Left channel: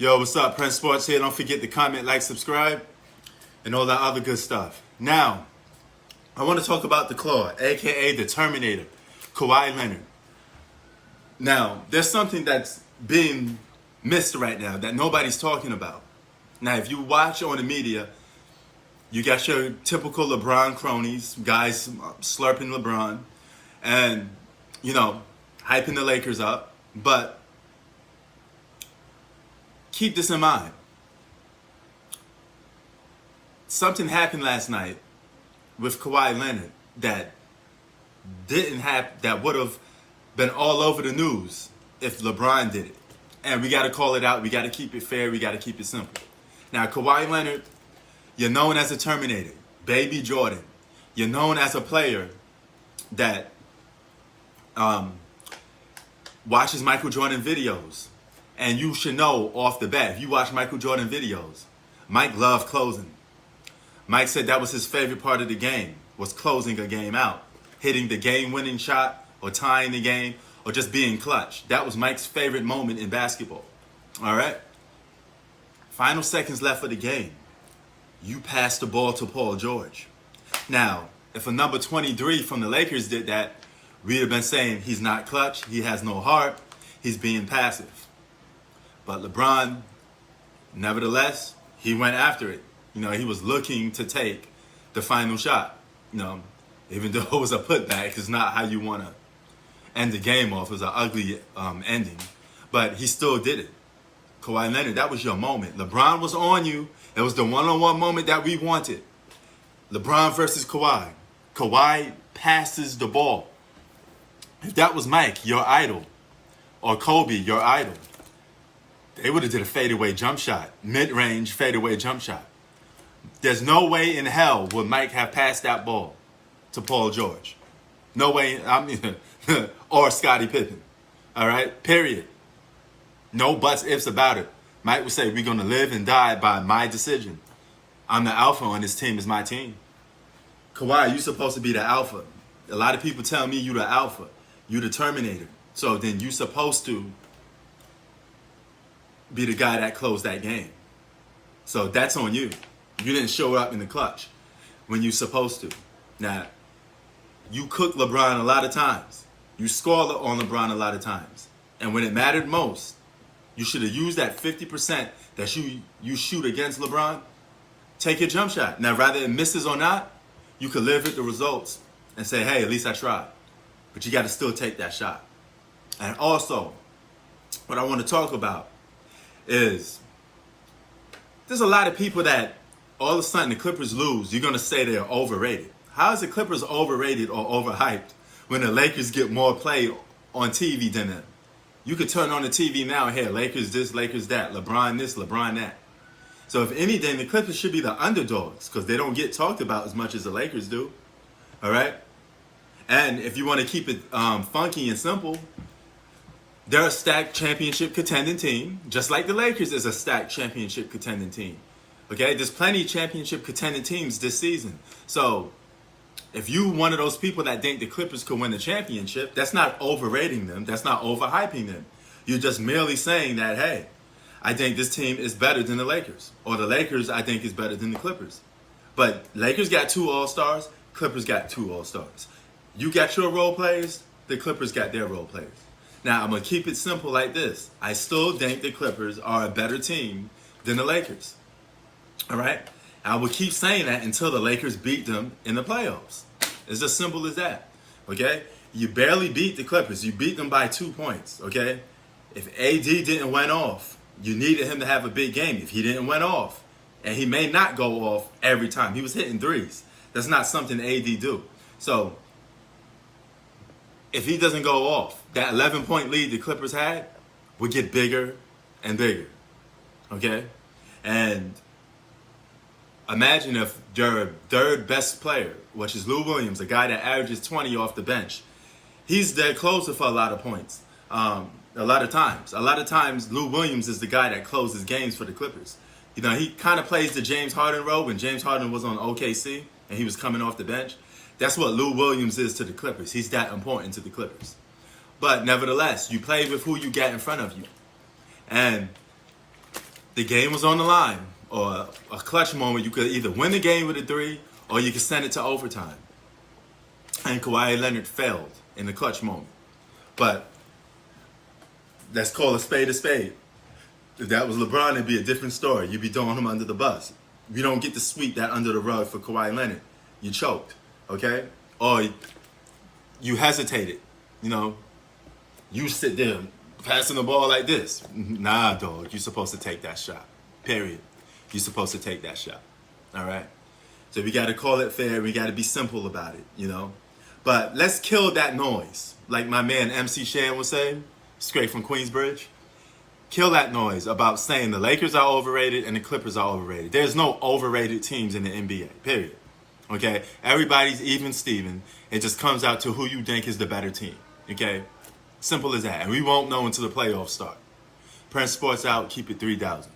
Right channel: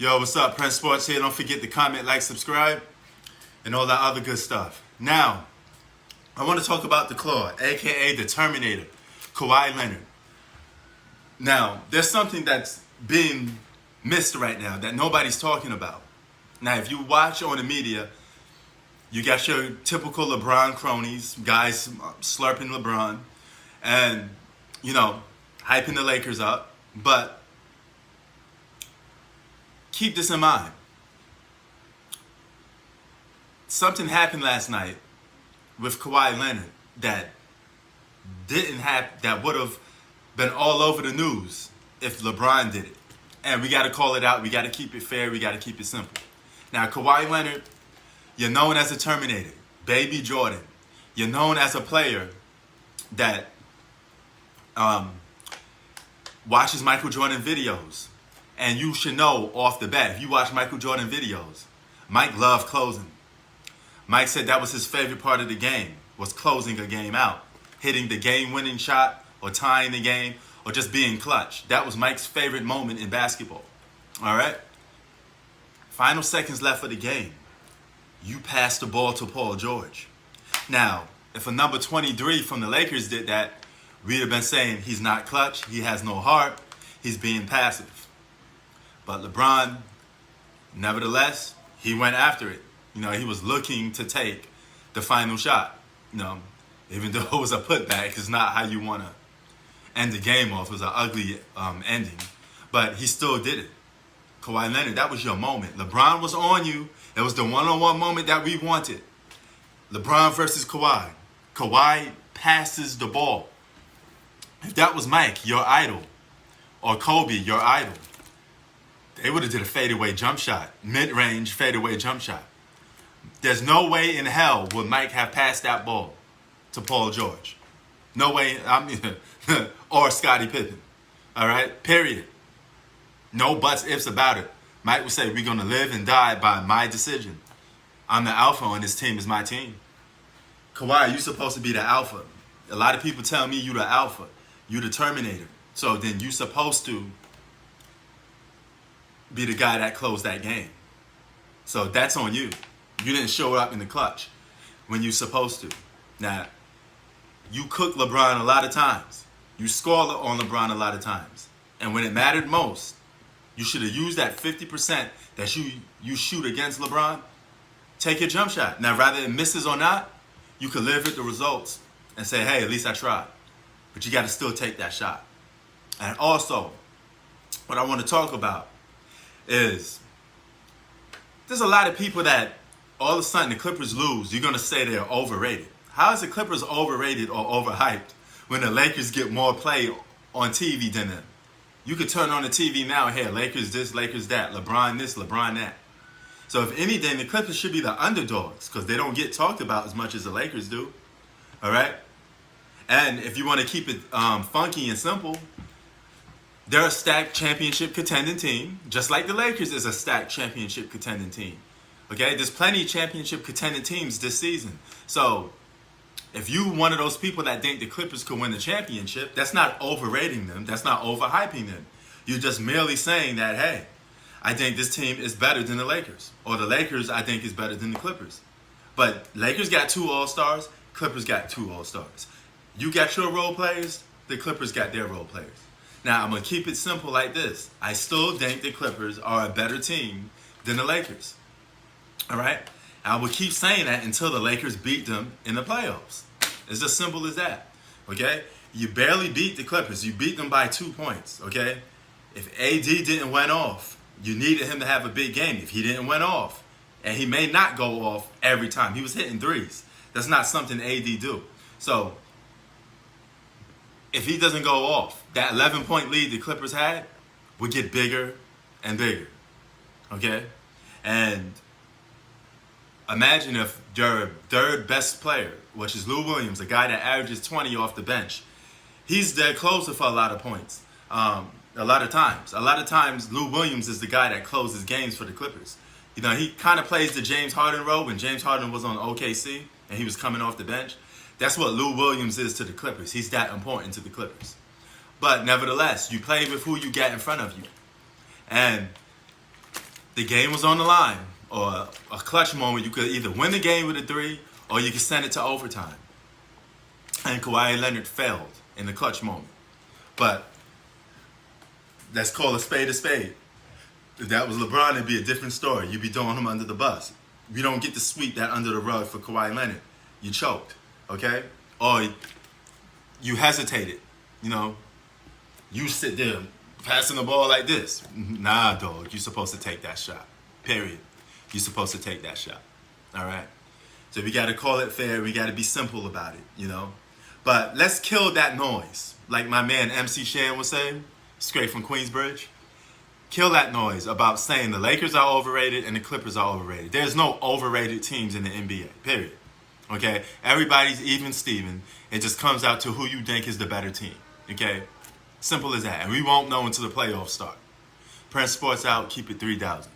Yo, what's up? Prince Sports here. Don't forget to comment, like, subscribe, and all that other good stuff. Now, I want to talk about the Claw, a.k.a. the Terminator, Kawhi Leonard. Now, there's something that's being missed right now that nobody's talking about. Now, if you watch on the media, you got your typical LeBron cronies, guys slurping LeBron, and, hyping the Lakers up. But keep this in mind. Something happened last night with Kawhi Leonard that would have been all over the news if LeBron did it. And we got to call it out. We got to keep it fair. We got to keep it simple. Now, Kawhi Leonard, you're known as a Terminator, Baby Jordan. You're known as a player that watches Michael Jordan videos. And you should know off the bat, if you watch Michael Jordan videos, Mike loved closing. Mike said that was his favorite part of the game, was closing a game out. Hitting the game-winning shot or tying the game or just being clutch. That was Mike's favorite moment in basketball. All right? Final seconds left of the game. You passed the ball to Paul George. Now, if a number 23 from the Lakers did that, we'd have been saying he's not clutch, he has no heart, he's being passive. But LeBron, nevertheless, he went after it. He was looking to take the final shot. Even though it was a putback, it's not how you want to end the game off. It was an ugly ending. But he still did it. Kawhi Leonard, that was your moment. LeBron was on you. It was the one-on-one moment that we wanted. LeBron versus Kawhi. Kawhi passes the ball. If that was Mike, your idol, or Kobe, your idol, they would have did a fadeaway jump shot, mid-range fadeaway jump shot. There's no way in hell would Mike have passed that ball to Paul George. No way, or Scottie Pippen. All right, period. No buts, ifs about it. Mike would say, we're going to live and die by my decision. I'm the alpha on this team, it's my team. Kawhi, you're supposed to be the alpha. A lot of people tell me you the alpha. You the Terminator. So then you're supposed to be the guy that closed that game. So that's on you. You didn't show up in the clutch when you're supposed to. Now, you cooked LeBron a lot of times. You scored on LeBron a lot of times. And when it mattered most, you should have used that 50% that you shoot against LeBron. Take your jump shot. Now, whether it misses or not, you could live with the results and say, hey, at least I tried. But you got to still take that shot. And also, what I want to talk about is there's a lot of people that all of a sudden the Clippers lose, you're going to say they're overrated. How is the Clippers overrated or overhyped when the Lakers get more play on TV than them? You could turn on the TV now and hear Lakers this, Lakers that, LeBron this, LeBron that. So if anything, the Clippers should be the underdogs because they don't get talked about as much as the Lakers do. All right? And if you want to keep it funky and simple, they're a stacked championship contending team, just like the Lakers is a stacked championship contending team. Okay? There's plenty of championship contending teams this season. So if you one of those people that think the Clippers could win the championship, that's not overrating them. That's not overhyping them. You're just merely saying that, hey, I think this team is better than the Lakers. Or the Lakers, I think, is better than the Clippers. But Lakers got 2 All-Stars. Clippers got 2 All-Stars. You got your role players. The Clippers got their role players. Now, I'm going to keep it simple like this. I still think the Clippers are a better team than the Lakers. All right? I will keep saying that until the Lakers beat them in the playoffs. It's as simple as that. Okay? You barely beat the Clippers. You beat them by 2 points. Okay? If AD didn't went off, you needed him to have a big game. If he didn't went off, and he may not go off every time. He was hitting threes. That's not something AD do. So, if he doesn't go off, that 11-point lead the Clippers had would get bigger and bigger. Okay? And imagine if your third best player, which is Lou Williams, a guy that averages 20 off the bench, he's their closer for a lot of points. A lot of times, Lou Williams is the guy that closes games for the Clippers. He kind of plays the James Harden role when James Harden was on OKC and he was coming off the bench. That's what Lou Williams is to the Clippers. He's that important to the Clippers. But nevertheless, you play with who you get in front of you. And the game was on the line, or a clutch moment, you could either win the game with a 3 or you could send it to overtime. And Kawhi Leonard failed in the clutch moment. But let's call a spade a spade. If that was LeBron, it'd be a different story. You'd be throwing him under the bus. You don't get to sweep that under the rug for Kawhi Leonard. You choked, okay? Or you hesitated, You sit there passing the ball like this. Nah, dog, you're supposed to take that shot, period. You're supposed to take that shot, all right? So we got to call it fair. We got to be simple about it, But let's kill that noise. Like my man MC Shan was saying, straight from Queensbridge. Kill that noise about saying the Lakers are overrated and the Clippers are overrated. There's no overrated teams in the NBA, period. Okay? Everybody's even Steven. It just comes out to who you think is the better team. Okay? Simple as that. And we won't know until the playoffs start. Prince Sports out. Keep it 3,000.